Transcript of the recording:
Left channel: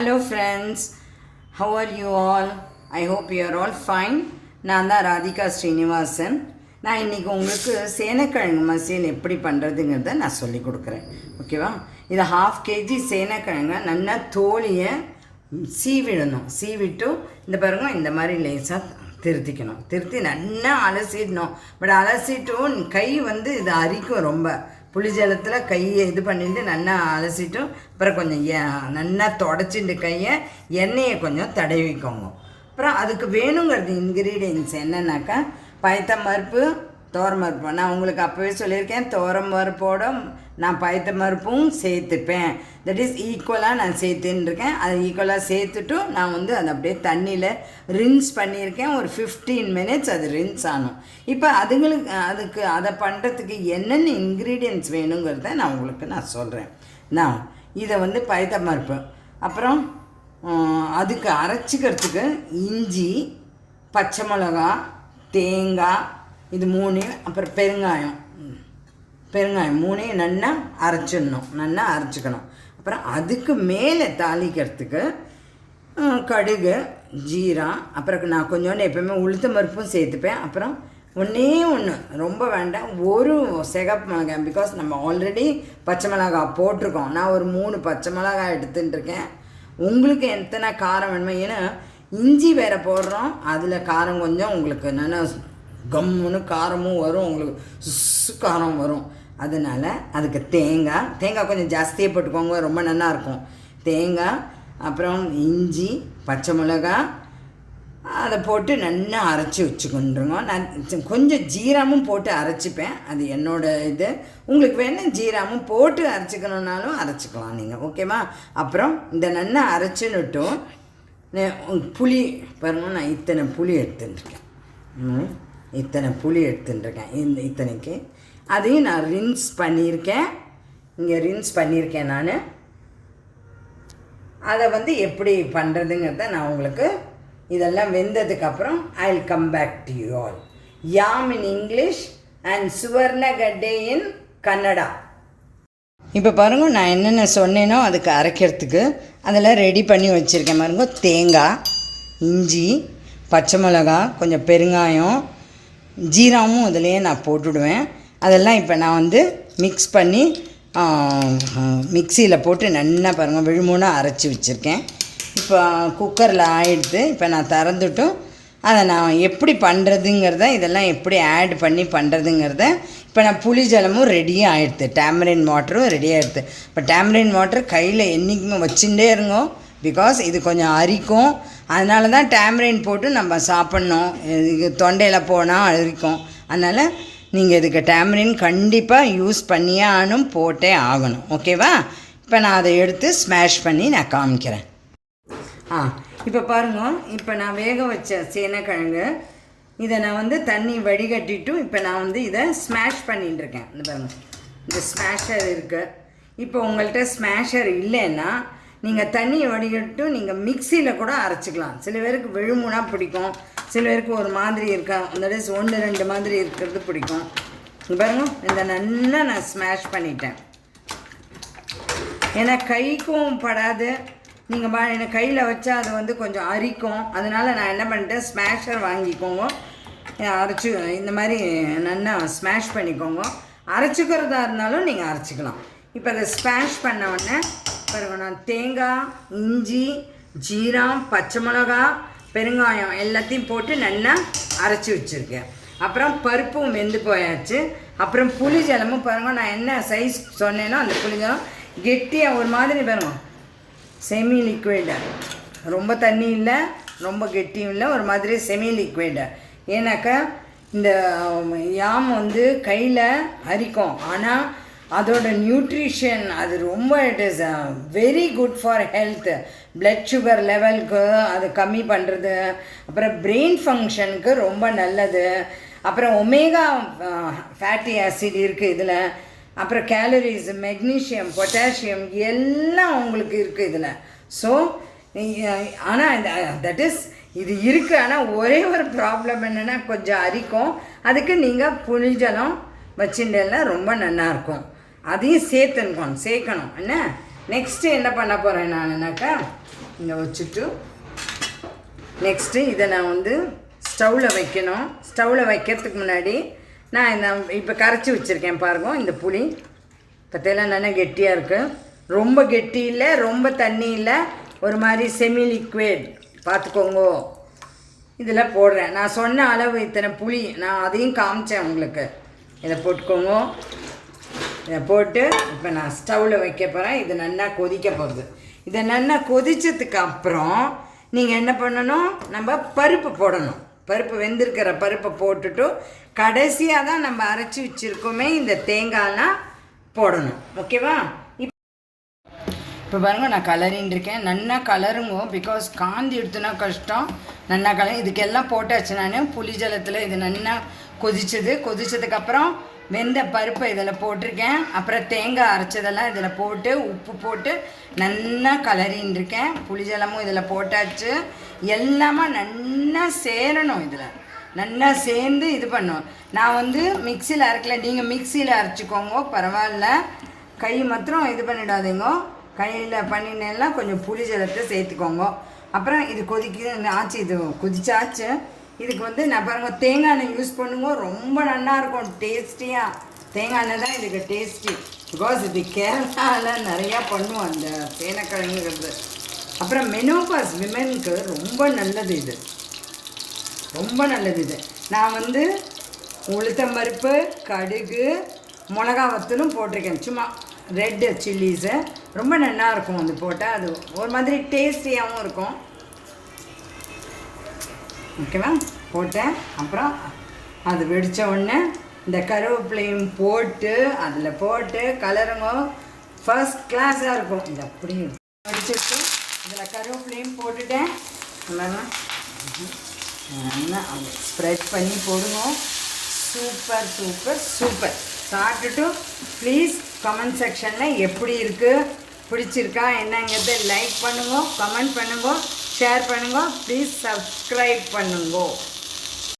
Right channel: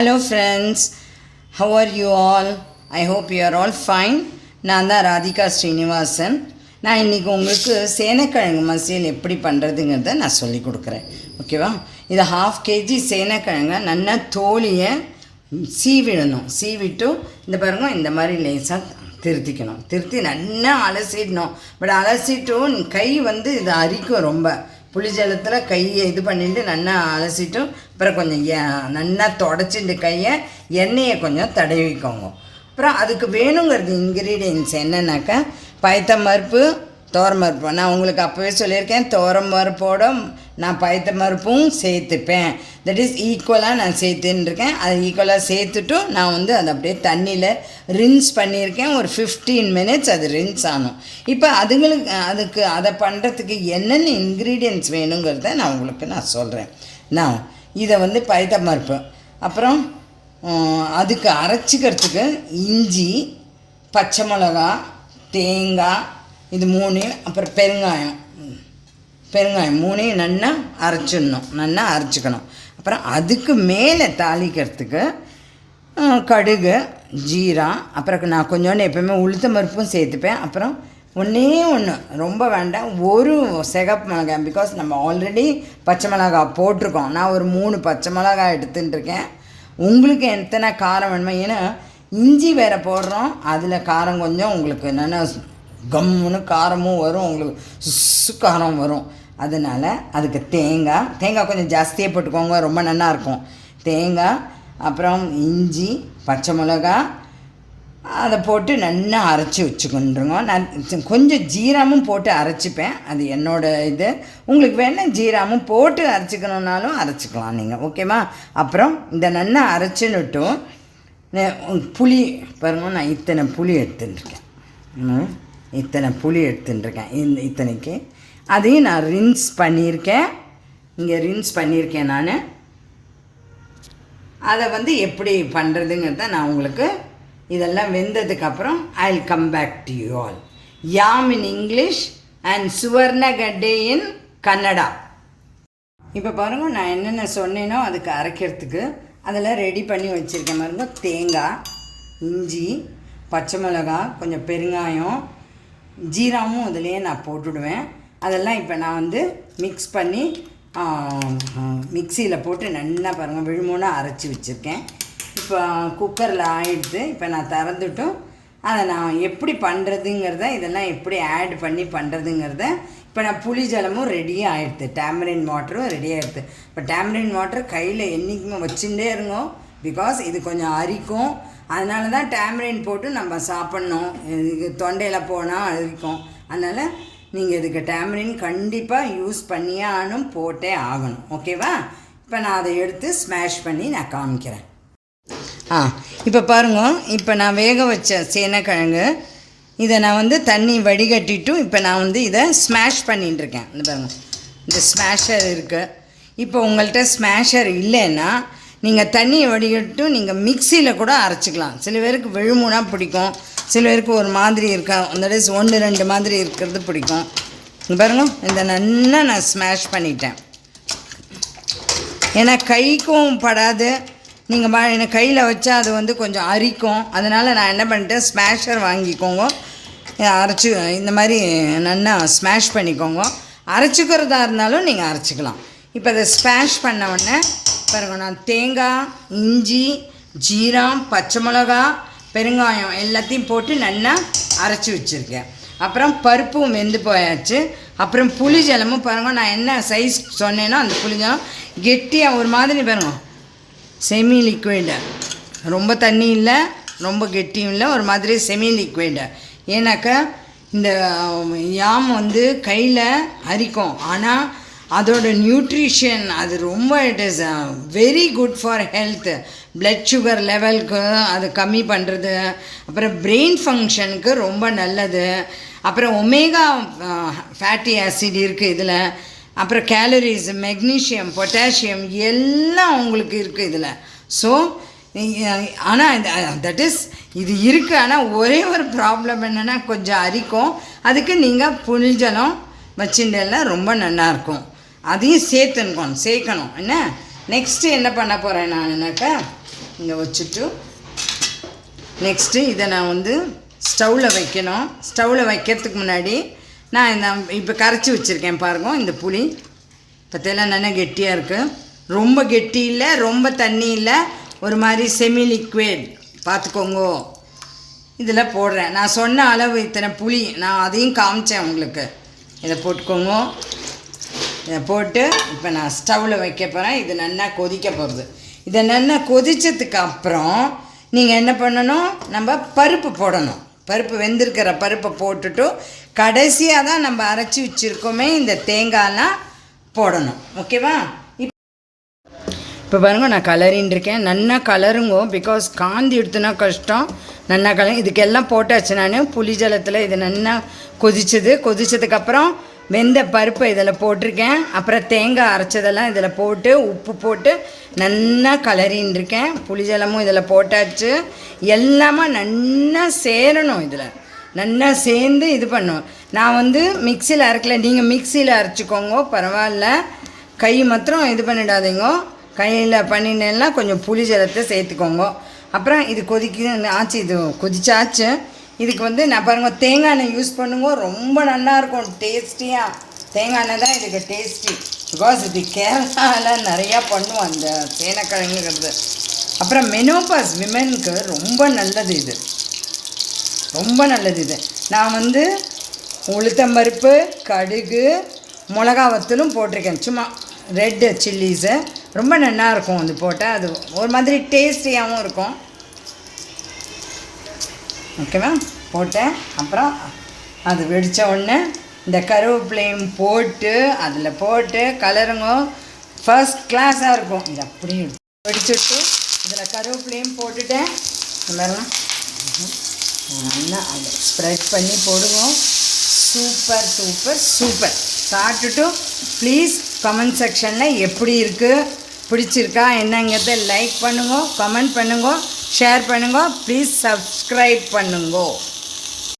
Hello friends how are you all I hope you are all fine நான் தான் ராதிகா ஸ்ரீனிவாசன். நான் இன்றைக்கி உங்களுக்கு சேனக்கிழங்கு மசியல் எப்படி பண்ணுறதுங்கிறத நான் சொல்லி கொடுக்குறேன். ஓகேவா இது ஹாஃப் கேஜி சேனக்கிழங்க நல்லா தோலியை சீவிடணும். சீவிட்டு இந்த பாருங்க இந்த மாதிரி லேசாக திருத்திக்கணும். திருத்தி நல்லா அலசிடணும். பட் அலசிட்டும் கை வந்து இது அரிக்கும் ரொம்ப. புளிஜலத்தில் கையை இது பண்ணிட்டு நல்லா அலசிட்டும். அப்புறம் கொஞ்சம் எ- நல்லா தொடச்சிட்டு கையை எண்ணெயை கொஞ்சம் தடவிக்கோங்க அப்புறம் அதுக்கு வேணுங்கிறது இன்க்ரீடியன்ஸ் என்னன்னாக்கா பயத்தம் பருப்பு தோரம் பருப்பு நான் உங்களுக்கு அப்போவே சொல்லியிருக்கேன் துவரம் பருப்போட நான் பயத்த பருப்பும் சேர்த்துப்பேன். தட் இஸ் ஈக்குவலாக நான் சேர்த்துன்னு இருக்கேன் அது ஈக்குவலாக சேர்த்துட்டும் நான் வந்து அதை அப்படியே தண்ணியில் ரின்ஸ் பண்ணியிருக்கேன். ஒரு ஃபிஃப்டீன் மினிட்ஸ் அது ரின்ஸ் ஆகும் இப்போ அதுங்களுக்கு அதுக்கு அதை பண்ணுறதுக்கு என்னென்ன இன்க்ரீடியன்ட்ஸ் வேணுங்கிறத நான் உங்களுக்கு நான் சொல்கிறேன் நான் இதை வந்து பயத்த பருப்பு அப்புறம் அதுக்கு அரைச்சிக்கிறதுக்கு இஞ்சி பச்சை மிளகா தேங்காய் இது மூணையும் அப்புறம் பெருங்காயம். பெருங்காயம் மூணையும் நல்லா அரைச்சிடணும். நல்லா அரைச்சிக்கணும். அப்புறம் அதுக்கு மேலே தாளிக்கிறதுக்கு கடுகு ஜீரா அப்புறம் நான் கொஞ்சோண்டு எப்பயுமே உளுத்த மருப்பும் சேர்த்துப்பேன். அப்புறம் ஒன்றே ஒன்று ரொம்ப வேண்டாம். ஒரு சிகப்பு மிளகாய் பிகாஸ் நம்ம ஆல்ரெடி பச்சை மிளகாய் போட்டிருக்கோம். நான் ஒரு மூணு பச்சை மிளகாய் எடுத்துட்டுருக்கேன். உங்களுக்கு எத்தனை காரம் வேணுமோ ஏன்னா இஞ்சி வேற போடுறோம். அதில் காரம் கொஞ்சம் உங்களுக்கு என்னென்ன கம்முன்னு காரமும் வரும் உங்களுக்கு சுசு காரம் வரும். அதனால அதுக்கு தேங்காய் தேங்காய் கொஞ்சம் ஜாஸ்தியாக போட்டுக்கோங்க ரொம்ப நல்லா இருக்கும். தேங்காய் அப்புறம் இஞ்சி பச்சை மிளகா அதை போட்டு நல்லா அரைச்சி வச்சுக்கொண்டுருங்க. நான் கொஞ்சம் ஜீராமும் போட்டு அரைச்சிப்பேன். அது என்னோட இது. உங்களுக்கு வேணால் ஜீராமும் போட்டு அரைச்சிக்கணுன்னாலும் அரைச்சிக்கலாம் நீங்கள் ஓகேவா அப்புறம் இந்த நல்லா அரைச்சின்னுட்டும் புளி பாருங்க நான் இத்தனை புளி எடுத்துருக்கேன். ம், இத்தனை புளி எடுத்துட்டுருக்கேன். இந்த இத்தனைக்கு. அதையும் நான் ரின்ஸ் பண்ணியிருக்கேன். இங்கே ரின்ஸ் பண்ணியிருக்கேன் நான். அதை வந்து எப்படி பண்ணுறதுங்கிறத நான் உங்களுக்கு இதெல்லாம் வெந்ததுக்கப்புறம் I will come back to you all yam in English and Suvarnagadde in Kannada. இப்போ பாருங்க நான் என்னென்ன சொன்னேனோ அதுக்கு அரைக்கிறதுக்கு அதெல்லாம் ரெடி பண்ணி வச்சுருக்கேன் பாருங்க. தேங்காய் இஞ்சி பச்சை மிளகா கொஞ்சம் பெருங்காயம் ஜீராவும் அதுலேயே நான் போட்டுடுவேன். அதெல்லாம் இப்போ நான் வந்து மிக்ஸ் பண்ணி மிக்சியில் போட்டு நல்லா பாருங்கள் விழுமூணாக அரைச்சி வச்சுருக்கேன். இப்போ குக்கரில் ஆயிடுத்து இப்போ நான் திறந்துட்டும் அதை நான் எப்படி பண்ணுறதுங்கிறத இதெல்லாம் எப்படி ஆட் பண்ணி பண்ணுறதுங்கிறத இப்போ நான் புளி ஜலமும் ரெடியாக ஆயிடுது. டேமரின் வாட்டரும் ரெடி இப்போ டேமரின் வாட்டர் கையில் என்றைக்குமே வச்சுட்டே இருங்கோ. பிகாஸ் இது கொஞ்சம் அரிக்கும். அதனால தான் டேமரின் போட்டு நம்ம சாப்பிட்ணும். இது தொண்டையில் போனால் அரிக்கும். அதனால் நீங்கள் இதுக்கு டேமரின் கண்டிப்பாக யூஸ் பண்ணியே ஆகணும் போட்டே ஆகணும். ஓகேவா இப்போ நான் அதை எடுத்து ஸ்மாஷ் பண்ணி நான் காமிக்கிறேன். ஆ இப்போ பாருங்க. இப்போ நான் வேக வச்ச சேனைக்கிழங்கு இதை நான் வந்து தண்ணி வடிகட்டிட்டும் இப்போ நான் வந்து இதை ஸ்மாஷ் பண்ணிகிட்டு இருக்கேன். இந்த பாருங்க. இந்த ஸ்மாஷர் இருக்குது இப்போ உங்கள்கிட்ட ஸ்மாஷர் இல்லைன்னா நீங்கள் தண்ணியை வடிகட்டு நீங்கள் மிக்சியில் கூட அரைச்சிக்கலாம். சில பேருக்கு விழுமுனா பிடிக்கும். சில பேருக்கு ஒரு மாதிரி இருக்கா அந்த டேஸ் ஒன்று ரெண்டு மாதிரி இருக்கிறது பிடிக்கும். பாருங்கள் இந்த நல்லா நான் ஸ்மாஷ் பண்ணிட்டேன். ஏன்னா கைக்கும் படாது. நீங்கள் பா எனக்கு கையில் வச்சா அது வந்து கொஞ்சம் அரிக்கும். அதனால் நான் என்ன பண்ணிட்டேன் ஸ்மாஷர் வாங்கிக்கோங்க. அரைச்சி இந்த மாதிரி நல்லா ஸ்மாஷ் பண்ணிக்கோங்க. அரைச்சிக்கிறதா இருந்தாலும் நீங்கள் அரைச்சிக்கலாம். இப்போ அதை ஸ்மாஷ் பண்ண உடனே பாருங்க நான் தேங்காய் இஞ்சி ஜீரம் பச்சை மிளகா பெருங்காயம் எல்லாத்தையும் போட்டு நல்லா அரைச்சி வச்சுருக்கேன். அப்புறம் பருப்பும் வெந்து போயாச்சு. அப்புறம் புளி ஜலமும் பாருங்க நான் என்ன சைஸ் சொன்னேனோ அந்த புளிஜலம் கெட்டியாக ஒரு மாதிரி பாருங்க. செமி லிக்விடு ரொம்ப தண்ணி இல்லை ரொம்ப கெட்டியும் இல்லை ஒரு மாதிரி செமி லிக்விடு ஏன்னாக்கா இந்த யாம் வந்து கையில் அரிக்கும். ஆனால் அதோட நியூட்ரிஷன் அது ரொம்ப it is very good for health blood sugar லெவலுக்கு அது கம்மி பண்ணுறது அப்புறம் பிரெயின் ஃபங்க்ஷனுக்கு ரொம்ப நல்லது. அப்புறம் ஒமேகா ஃபேட்டி ஆசிட் இருக்குது இதில். அப்புறம் கேலரிஸ் மெக்னீஷியம் பொட்டாசியம் எல்லாம் உங்களுக்கு இருக்குது இதில். ஸோ ஆனால் இந்த தட் இஸ் இது இருக்குது ஆனால் ஒரே ஒரு ப்ராப்ளம் என்னென்னா கொஞ்சம் அரிக்கும். அதுக்கு நீங்கள் புளிஜலம் வச்சுட்டெல்லாம் ரொம்ப நல்லாயிருக்கும் அதையும் சேர்த்துக்கணும் சேர்க்கணும். என்ன? நெக்ஸ்ட்டு என்ன பண்ண போகிறேன் நானுனாக்கா? இங்கே வச்சுட்டு நெக்ஸ்ட்டு இதை நான் வந்து ஸ்டவ்வில் வைக்கணும். ஸ்டவ்வில் வைக்கிறதுக்கு முன்னாடி நான் இந்த இப்போ கரைச்சி வச்சுருக்கேன் பாருங்க இந்த புளி. பற்றியெல்லாம் நல்லா கெட்டியாக இருக்குது ரொம்ப கெட்டி இல்லை ரொம்ப தண்ணி இல்லை ஒரு மாதிரி செமி லிக்விட் பார்த்துக்கோங்க இதில் போடுறேன். நான் சொன்ன அளவு இத்தனை புளி நான் அதையும் காமிச்சேன் உங்களுக்கு. இதை போட்டுக்கோங்க. போட்டு இப்போ நான் ஸ்டவ்வில் வைக்க போகிறேன் இது நல்லா கொதிக்க போகிறது இதை நல்லா கொதித்ததுக்கு அப்புறம் நீங்கள் என்ன பண்ணணும்? நம்ம பருப்பு போடணும். பருப்பு வெந்திருக்கிற பருப்பை போட்டுட்டு கடைசியாக தான் நம்ம அரைச்சி வச்சுருக்கோமே இந்த தேங்காய்லாம் போடணும். ஓகேவா? இப்போ பாருங்க நான் கலரின்னு இருக்கேன். நல்லா கலருங்க பிகாஸ் காந்தி எடுத்துனா கஷ்டம். நல்லா கலர் இதுக்கெல்லாம் போட்டாச்சு நான். புளி ஜலத்தில் இது நல்லா கொதிச்சது. கொதிச்சதுக்கப்புறம் வெந்த பருப்பை இதில் போட்டிருக்கேன். அப்புறம் தேங்காய் அரைச்சதெல்லாம் இதில் போட்டு உப்பு போட்டு நல்லா கலரின்னு இருக்கேன். புளி ஜலமும் இதில் போட்டாச்சு. எல்லாமே நல்லா சேரணும் இதில். நல்லா சேர்ந்து இது பண்ணும் நான் வந்து மிக்சியில் அரைக்கல. நீங்கள் மிக்சியில் அரைச்சிக்கோங்க. பரவாயில்ல. கை மாத்திரம் இது பண்ணிடாதீங்க. கையில் பண்ணினேன்னா கொஞ்சம் புளி ஜலத்தை சேர்த்துக்கோங்க. அப்புறம் இது கொதிக்க ஆச்சு. இது கொதிச்சாச்சு. இதுக்கு வந்து நான் பாருங்கள் தேங்காய் எண்ணெய் யூஸ் பண்ணுங்க ரொம்ப நல்லாயிருக்கும் டேஸ்டியாக தேங்காய் எண்ணெய் தான் இதுக்கு டேஸ்டி பிகாஸ் இது கேரளாவில் நிறையா பண்ணுவோம் அந்த சேனக்கிழங்குங்கிறது அப்புறம் மெனோபாஸ் விமெனுக்கு ரொம்ப நல்லது இது. ரொம்ப நல்லது இது. நான் வந்து உளுத்தம்பருப்பு கடுகு மிளகா வத்தலும் போட்டிருக்கேன். சும்மா ரெட்டு சில்லிஸை ரொம்ப நல்லாயிருக்கும் அது போட்டால். அது ஒரு மாதிரி டேஸ்டியாகவும் இருக்கும். ஓகேவா போட்டேன். அப்புறம் அது வெடித்த உடனே இந்த கருவேப்பிலையும் போட்டு அதில் போட்டு கலருங்க. ஃபர்ஸ்ட் கிளாஸாக இருக்கும். இது அப்படியே வெடிச்சுட்டு இதில் கருவேப்பிலையும் போட்டுட்டேன். கலரும் நல்லா அதை ஸ்ப்ரெட் பண்ணி போடுங்க. சூப்பர் சூப்பர் சூப்பர் சாப்பிட்டுட்டு ப்ளீஸ் கமெண்ட் செக்ஷனில் எப்படி இருக்குது பிடிச்சிருக்கா என்னங்கிறத லைக் பண்ணுங்க கமெண்ட் பண்ணுங்க. ஷேர் பண்ணுங்க. ப்ளீஸ் சப்ஸ்கிரைப் பண்ணுங்க.